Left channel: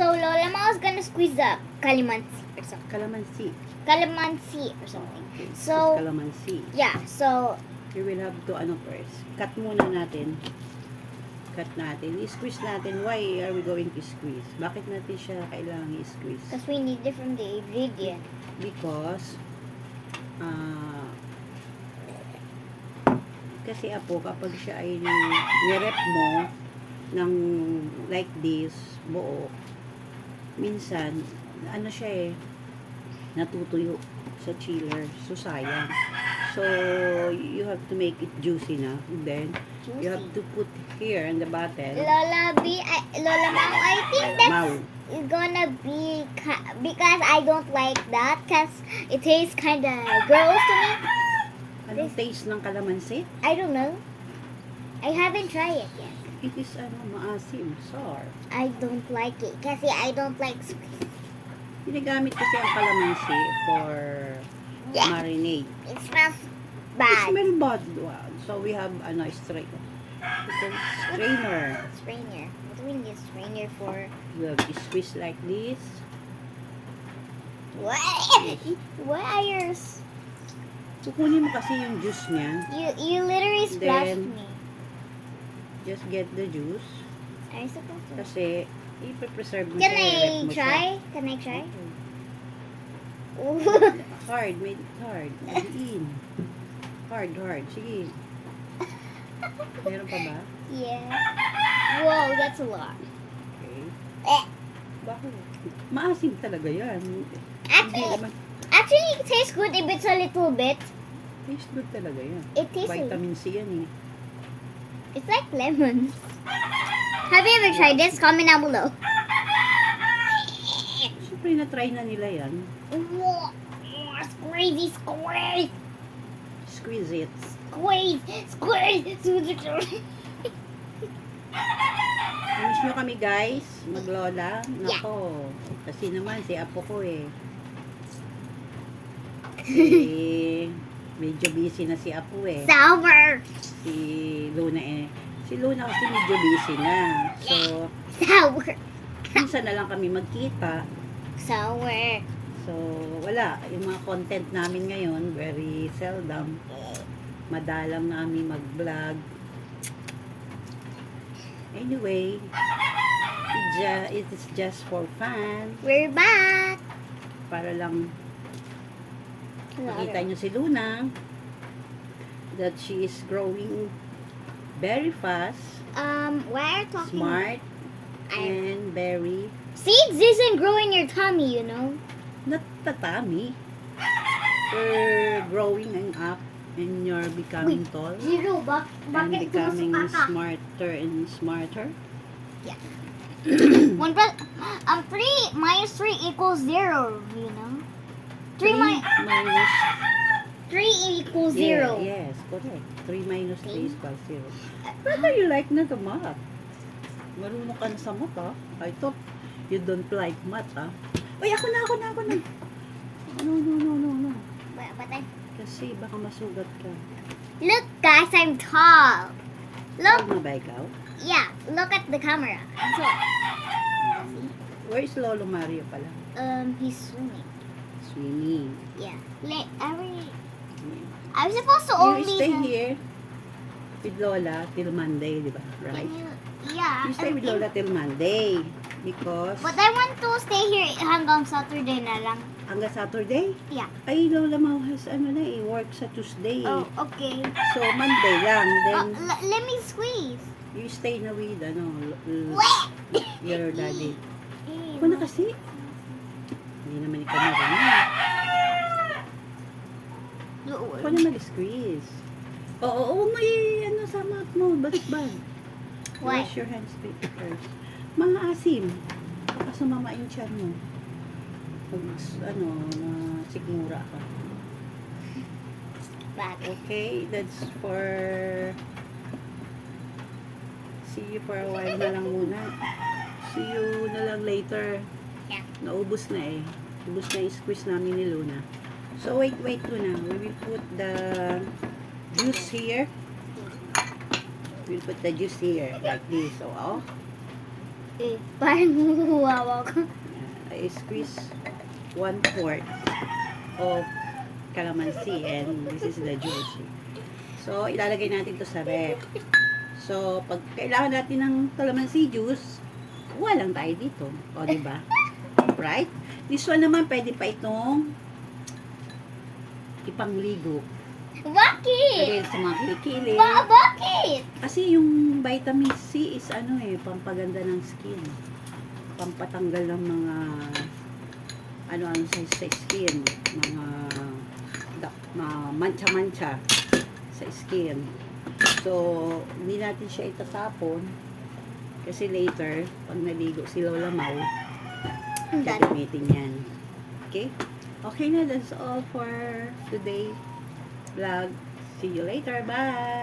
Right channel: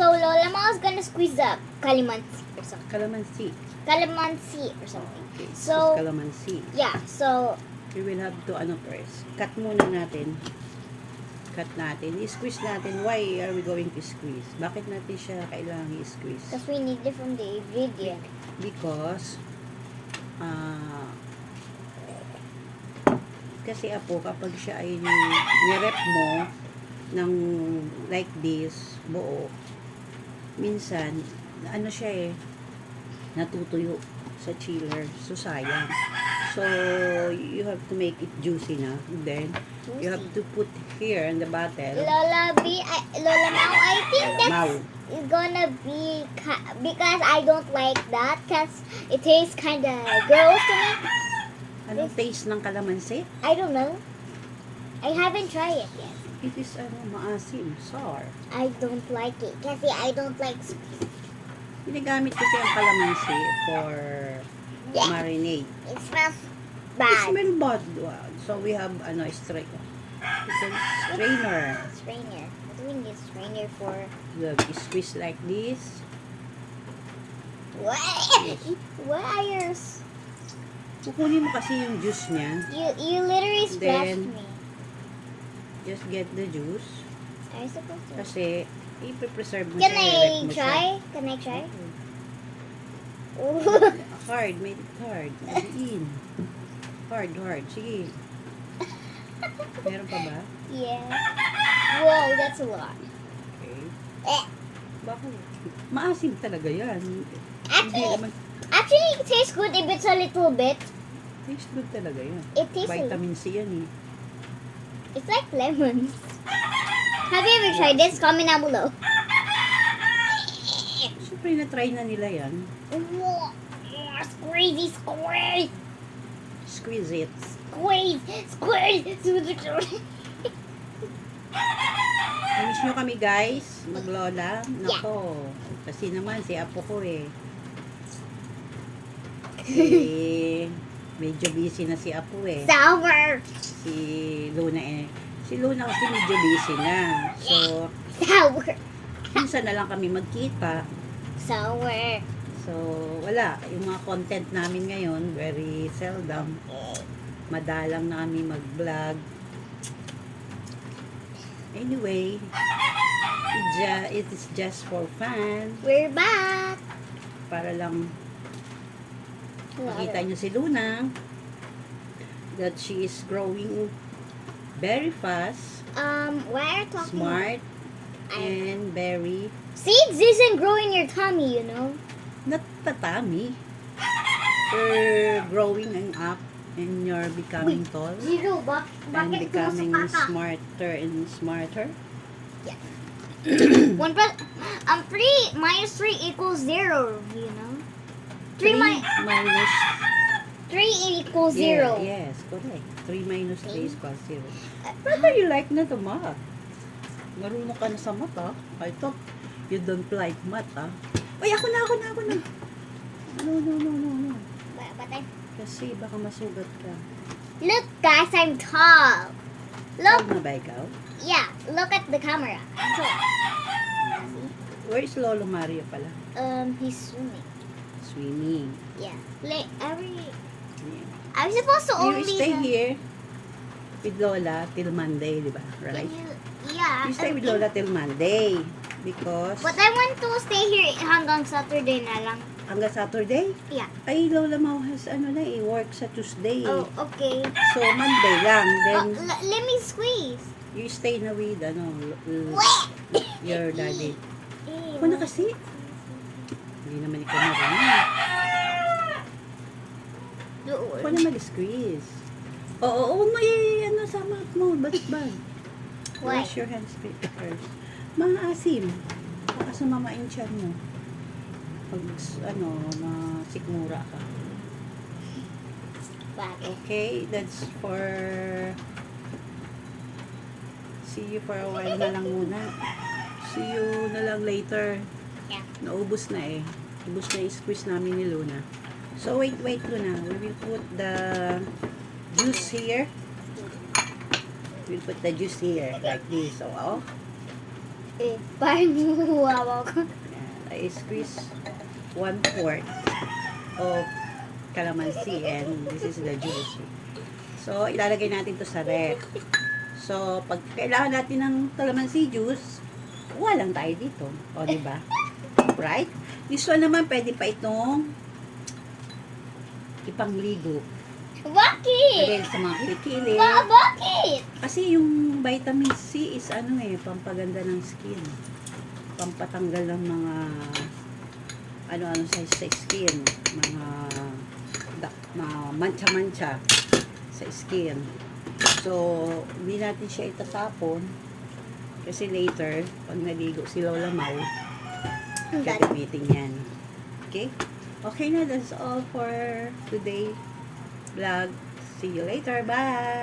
So Lola Ma is gonna squeeze the calamansi or something. Calamansi. Calamansi or something. Okay. So- This calamansi. Yeah. So We will have to first. Cut muna natin. Cut natin. I-squeeze natin. Why are we going to squeeze? Bakit natin siya kailangan i-squeeze? because we need it from the ingredient. Because kasi apo kapag siya ay nirep mo ng like this buo, minsan ano siya natutuyo sa chiller, so sayang. So you have to make it juicy na, then you have to put here in the bottle. Lola Mao, I think that's Mau. gonna be because I don't like that because it tastes kind of gross to me. Anong taste ng kalamansi? I don't know. I haven't tried it yet. It is maasim, sour. I don't like it kasi I don't like sweet. Ginagamit kasi ang kalamansi for Yeah. marinade. It smells It bad. smell bad. Wow. So we have strainer. Strainer. What do we need strainer for? You have to squeeze like this. What? What are yours? Kukunin mo kasi yung juice niya. You literally splashed Then- me. Just get the juice. Are you supposed to? Kasi ipe-preserve mo Can siya. I i-rep mo siya. try? Can I try? Ooh. Hard. Made it hard. Madiin. Hard. Sige. Meron pa ba? Yeah. Whoa, that's a lot. Okay. Eh. Bakit? Maasim talaga yan. Hindi Actually, naman. actually, it tastes good if it's a little bit. Taste good talaga yan. It tastes like, Vitamin C yan eh. it's like lemon. Have you ever tried this? Comment down below. Siyempre na-try na nila yan. Squeezy, squeeze, Squeeze it. squeeze, squeeze. Miss nyo kami guys, maglola. Nako, kasi naman si Apo ko Si, medyo busy na si Apo Sour, Si Luna Si Luna kasi medyo busy na. So, sour, minsan na lang kami magkita. sour. So, wala. Yung mga content namin ngayon, very seldom. Madalang na kami mag-vlog. Anyway, it is just for fun. We're back. Para lang makita nyo si Luna that she is growing very fast, Why are you talking? smart, and very Seeds isn't growing your tummy, you know. not tatami. You're growing and up and you're becoming tall Zero, and becoming smarter and smarter. One plus, 3 minus 3 equals 0, you know. 3 minus 3 equals 0. Yes, correct. 3 minus 3 is equals 0. Whether you like na the math. Marunong ka na sa math, ah. I thought you don't like math, ah. Uy, ako na. No. But Kasi baka masugat ka. look, guys, I'm tall. Tawag Look, na ba ikaw? yeah, look at the camera. So, Where is Lolo Mario pala? he's swimming. Swimming. Yeah. Like, Yeah. I'm supposed to You only stay here with Lola till Monday, di ba? Right? Yeah. You stay with Lola till Monday because But I want to stay here hanggang Saturday na lang. hanggang Saturday? Yeah. Ay, Lola Mau has work sa Tuesday. Oh, okay. So, Monday lang. Then, Let me squeeze. you stay na with, your daddy. Eh, Ako na kasi. Hindi naman ikaw marunong. Ako na mag-squeeze. Oo, may sa mouth mo. Bad. What? Wash your hands first. Maasim. Baka sumama yung tiyan mo. Pag, masikmura ka. Bakit? Okay, that's for... See you for a while na lang muna. See you na lang later. Yeah. Naubos na eh. Ubos na yung squeeze namin ni Luna. So, wait Luna. We will put the juice here. We'll put the juice here. Like this. So, Parang huwawa ko. Yan. I squeeze 1/4 of calamansi and this is the juice. So, ilalagay natin to sa ref. So, pag kailangan natin ng calamansi juice, kuha lang tayo dito. O, diba? Right? This one naman, pwede pa itong ipangligo. Bakit? Dahil sa mga kilikili. Bakit? Kasi yung vitamin C is pampaganda ng skin. Pampatanggal ng mga ano-ano sa skin. Mga mancha-mancha sa skin. So, hindi natin siya itatapon. Kasi later, pag naligo si Lola Mau, gagamitin yan. Okay? Okay na, that's all for today vlog. See you later. Bye!